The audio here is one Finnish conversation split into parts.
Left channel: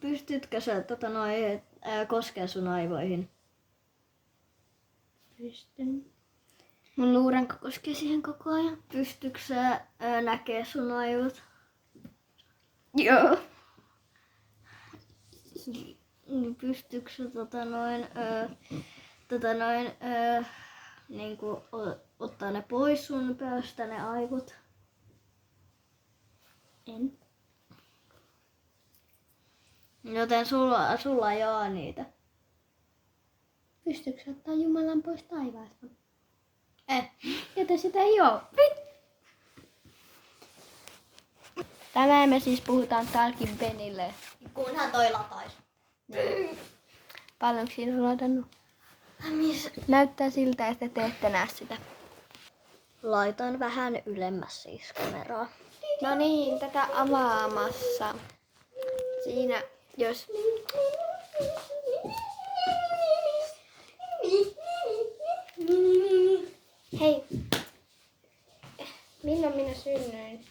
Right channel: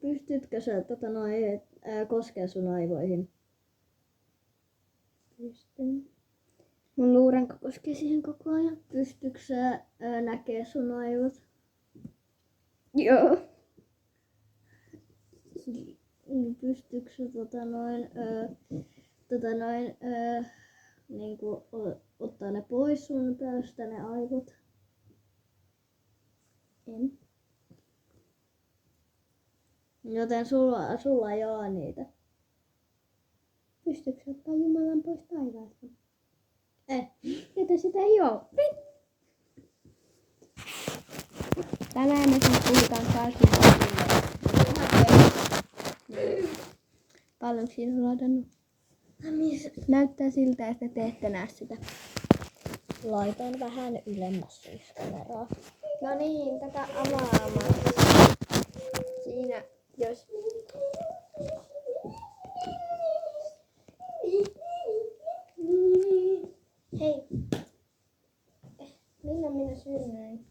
Pystytkö sä koskea sun aivoihin? Pystyn. Mun luuranko koskee siihen koko ajan. Pystytkö sä näkee sun aivot? Joo. Pystytkö sä niinku ottaa ne pois sun päästä ne aivot? En. Joten sulla ei oo niitä. Pystytkö sä ottaa Jumalan pois taivaasta? Joten sitä ei oo. Tänään me siis puhutaan tarkemmin. Paljonko siinä on ladannut? Näyttää siltä, että te ette näe sitä. Laitan vähän ylemmäs siis kameraa. No niin, tätä avaamassa. Siinä, jos... Hei. Milloin minä synnyin?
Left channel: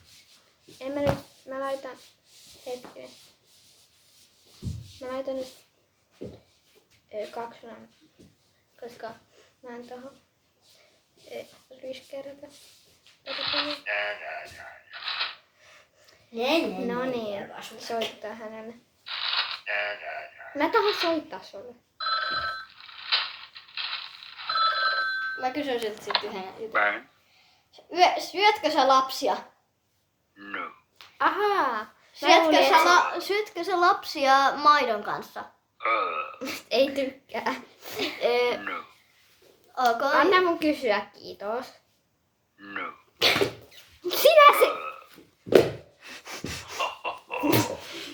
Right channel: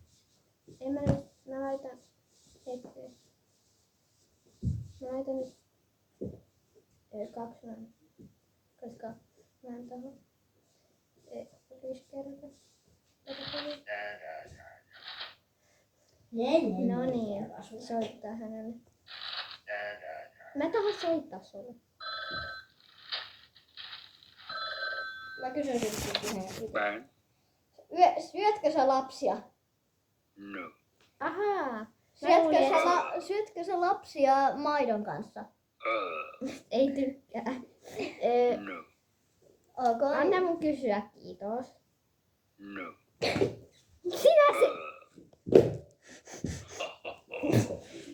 Mä laitan hetken. Mä laitan nyt 2 sanaa, koska mä en tohon ryskärätä. No niin, soittaa hänelle. Mä tahan soittaa sulle. Mä kysyn sitten sen. Bang. Syötkö sä lapsia? No. Ahaa. Syötkö sä lapsia maidon kanssa? Ei tykkää. No. Okay. Anna mun kysyä, kiitos. No. Sinä se...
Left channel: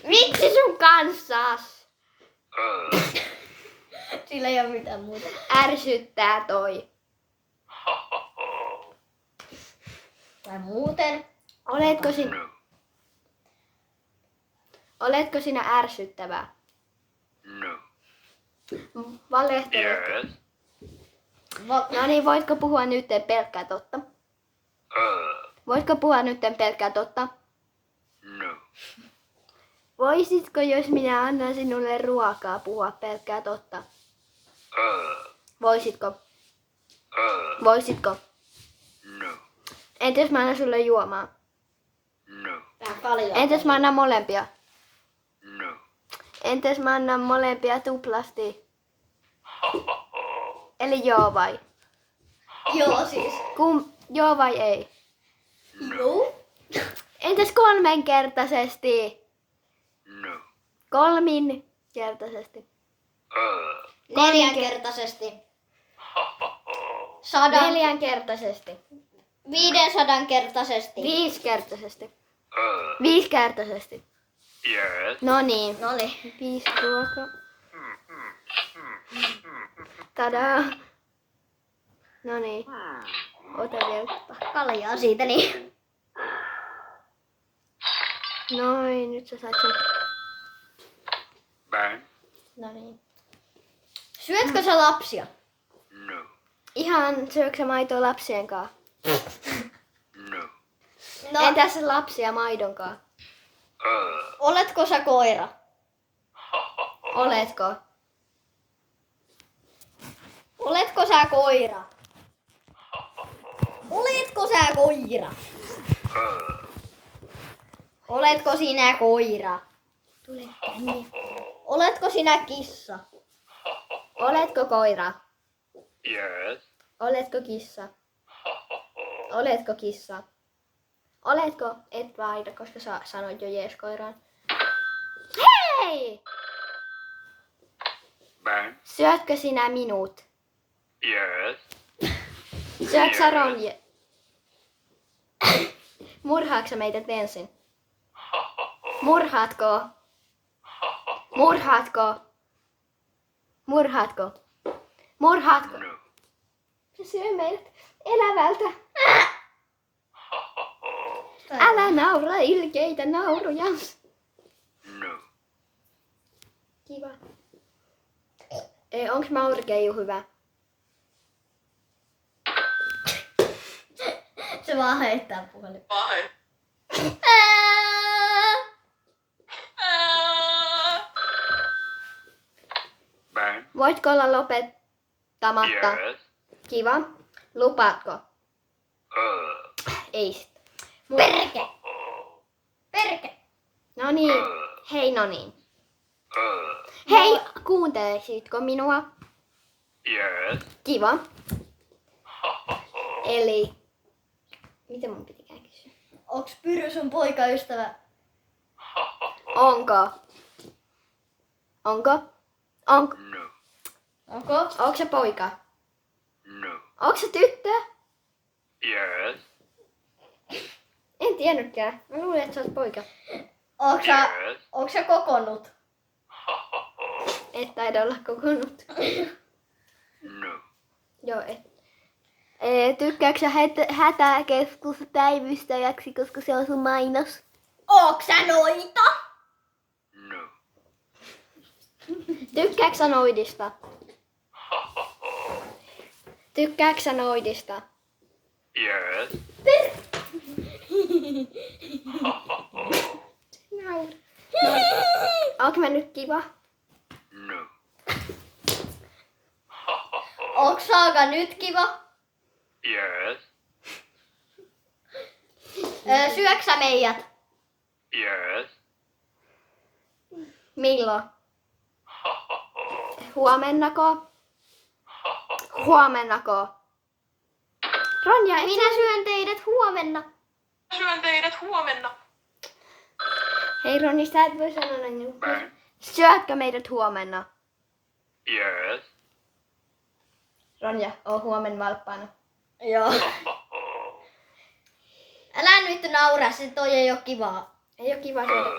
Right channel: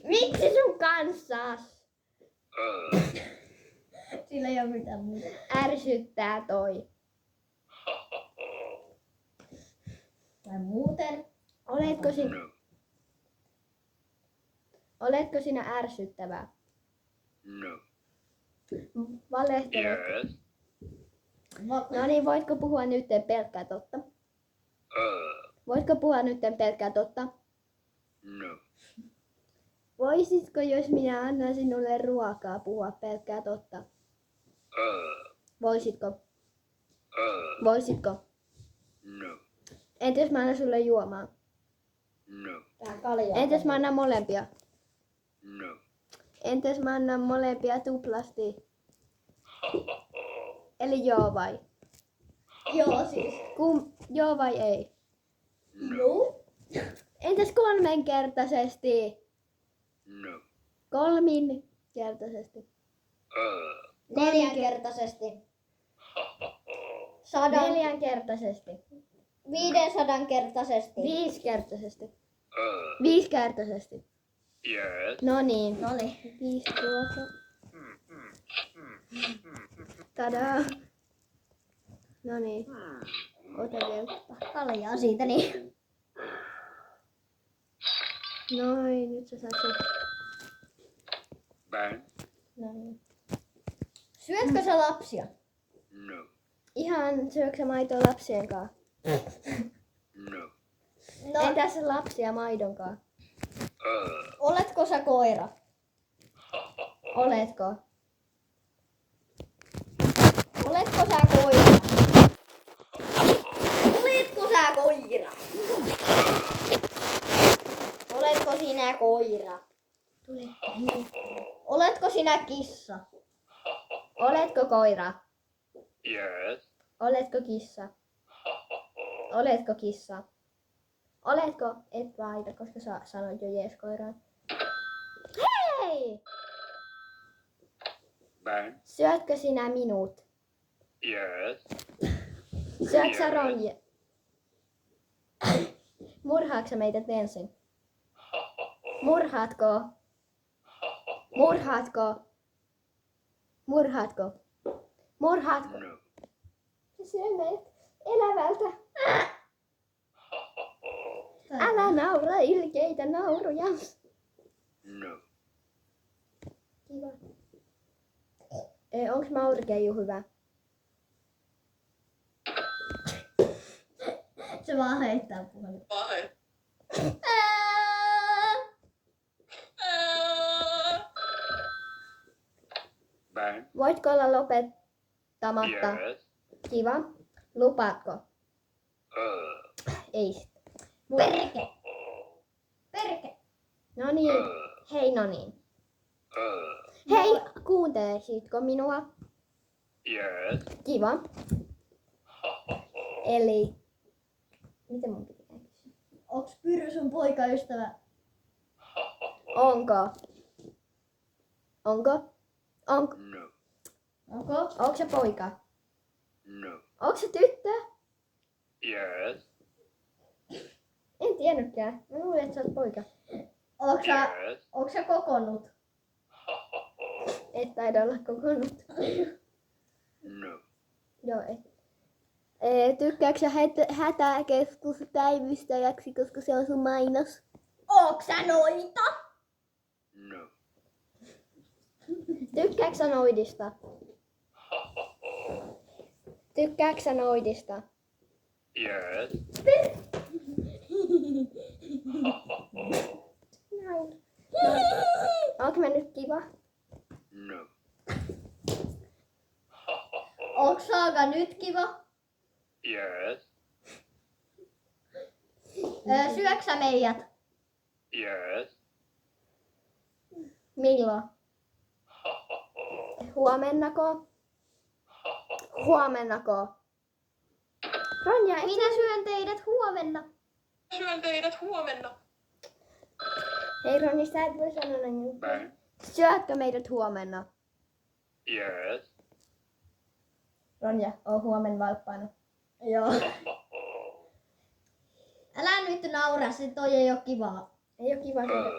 Miksi sun kanssas? Sillä ei oo mitään muuta. Ärsyttää toi. Tai muuten. No. Oletko sinä ärsyttävä? No. Valehteletko? Yes. No niin, voitko puhua nyt pelkkää totta? Voitko puhua nyt pelkkää totta? No. Voisitko, jos minä annan sinulle ruokaa, puhua pelkkää totta? Voisitko? Voisitko? No. Entäs mä annan sulle juomaa? No. Vähän paljon. Entäs mä annan molempia? No. Entäs mä annan molempia tuplasti? Eli joo vai? Joo siis. Joo vai ei? No. Entäs kolmenkertaisesti? No. Kolminkertaisesti. Neljänkertaisesti. 4-kertaisesti. 500-kertaisesti. 5-kertaisesti. 5-kertaisesti. Yes. No niin. Noniin. 5 ruokaa. Tadaa. No niin. Ota vielä. Kaljaa siitä niin. Noin, nyt sä sait sen. Bang. No niin. Syötkö sä lapsia? No. Ihan syöksä sä maitoa lapsien kanssa? No. No, Entäs lapsia maidon kanssa? oletko sä koira? Oletko? Oletko sä koira? Oletko sä koira? Oletko sinä koira? Tule tänne. Oletko sinä kissa? Oletko koira? Yes. Oletko kissa? Oletko kissa? Oletko? Et vaihda, koska sä sanoit jo jees koiraan. Hei! Bang. Syötkö sinä minut? Yes. Syötkö sä Ronje? Murhaatko sä meidät ensin? Murhaatko? Murhaatko? Murhaatko? Murhaatko? No. Se syö meidät elävältä. Älä naura ilkeitä nauruja. No. Kiva. Onks Maurikeiju hyvä? Se vaan heittää puhelin. Ben. Voitko olla lopettamatta? Yes. Kiva. Lupaatko? Ei sit. Perke! Perke! No niin. Hei, no niin. Hei, kuuntelisitko minua? Yes. Kiva. Eli... Miten mun pitikään kysyä? Onks Pyry sun poikaystävä? Onko? Onko? Onko? No. Onko? Onko se poika? No. Onko se tyttö? Yes. En tiennytkään. Mä luulin, että sä oot poika. Yes. Onks sä kokonnut? Et taida olla kokonut. No. Joo, et. Tykkääksä sä hätäkeskuspäivystäjäksi, koska se on sun mainos? Onks sä noita? No. Tykkääksä sä noidista? Tykkääksä sä noidista? Yes. Onko mä nyt kiva? No. Onks Saaga nyt kiva? Yes. Syöksä meidät? Yes. Milloin? Huomennako? Huomennako? Ronja, Minä syön teidät huomenna. Syön teidät huomenna. Hei Ronni, sä et voi sanoa näin. Ben. Syötkö meidät huomenna? Yes. Ronja, oo huomenna valppaana. Joo. Älä nyt naura, se toi ei oo kivaa. Ei oo kiva syödä.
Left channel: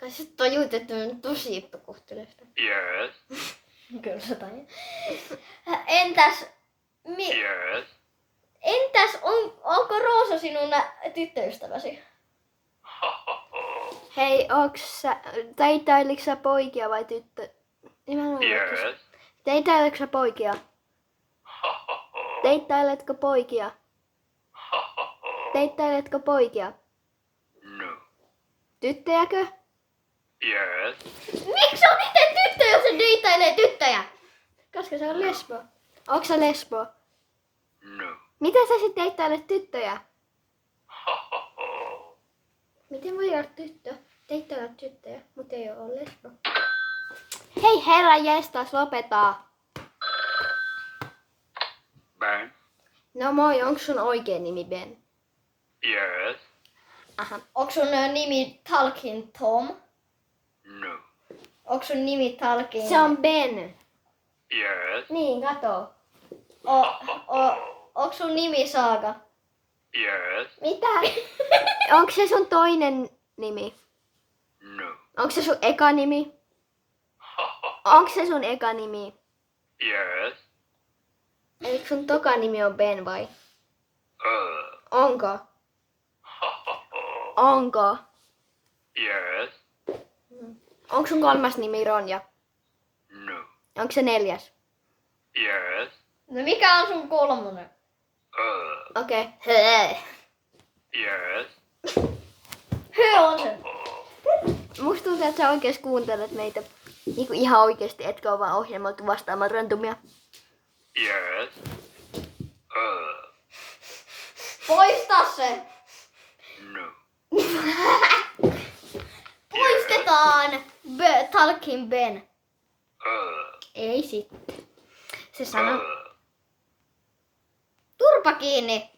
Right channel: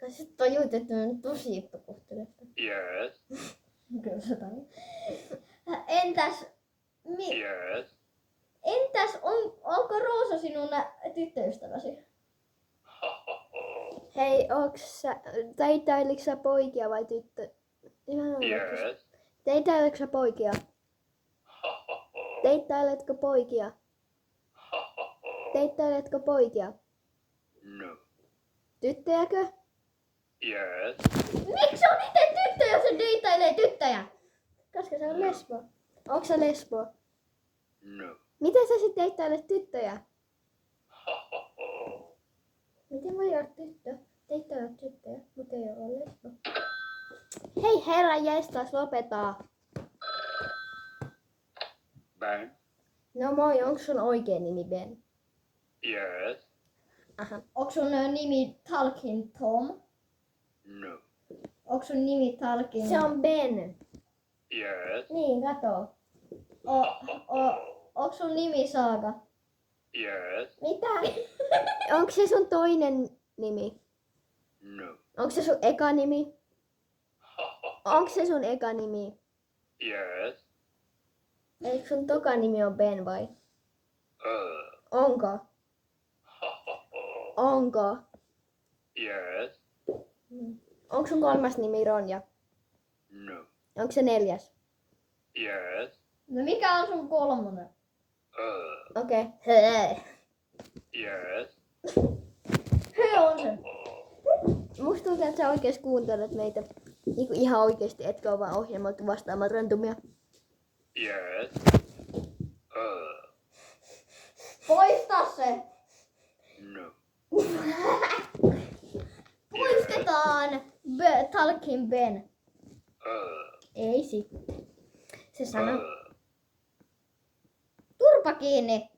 Kai sä tajuut, että on tosi epäkohteleista. Yes. Kyllä se tajuu. Entäs, Yes. onko Roosa sinun tyttöystäväsi? Hei, teitailiko sä poikia vai tyttö? Yes. Teitailetko sä poikia? Teittailetko poikia? Teittailetko poikia? No. Tyttöjäkö? Yes. Miksi on itse tyttö, jos se deittailee tyttöjä? Koska se on lesbo. Onko sä lesbo? No. Miten sä sit teittailet tyttöjä? Miten voi olla tyttö? Teittailla tyttöjä, mutta ei ole lesbo. Hei herra jestas, lopetaa. Ben. No moi, onko sun oikea nimi Ben? Yes. Aha. Onko sun nimi Talking Tom? No. Onko sun nimi Talking... Se on Ben. Yes. Niin, kato. Onko sun nimi Saaga? Yes. Mitä? Onko se sun toinen nimi? No. Onko se sun eka nimi? Onko se sun eka nimi? Yes. Eikö sun toka nimi on Ben vai? Onko? Onko? Yes. Onko sun kolmas nimi Ronja? No. Onko se neljäs? Yes. No mikä on sun kolmonen? Okei. Okay. Yes. Hyö on sen. Musta tuntuu, että sä oikeesti kuuntelet meitä niinku ihan oikeesti, etkä ole vaan ohjelmoitu vastaamaan randomia. Yes. Poista se. No. Poistetaan Talking Ben. Ei sitten. Se sanoo. Turpa kiinni.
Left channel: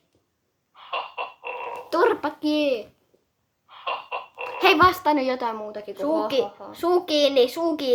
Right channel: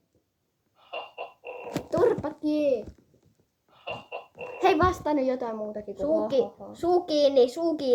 Turpa kiinni. Hei, vastaa nyt jotain muutakin kuin Suu kiinni, suu kiinni.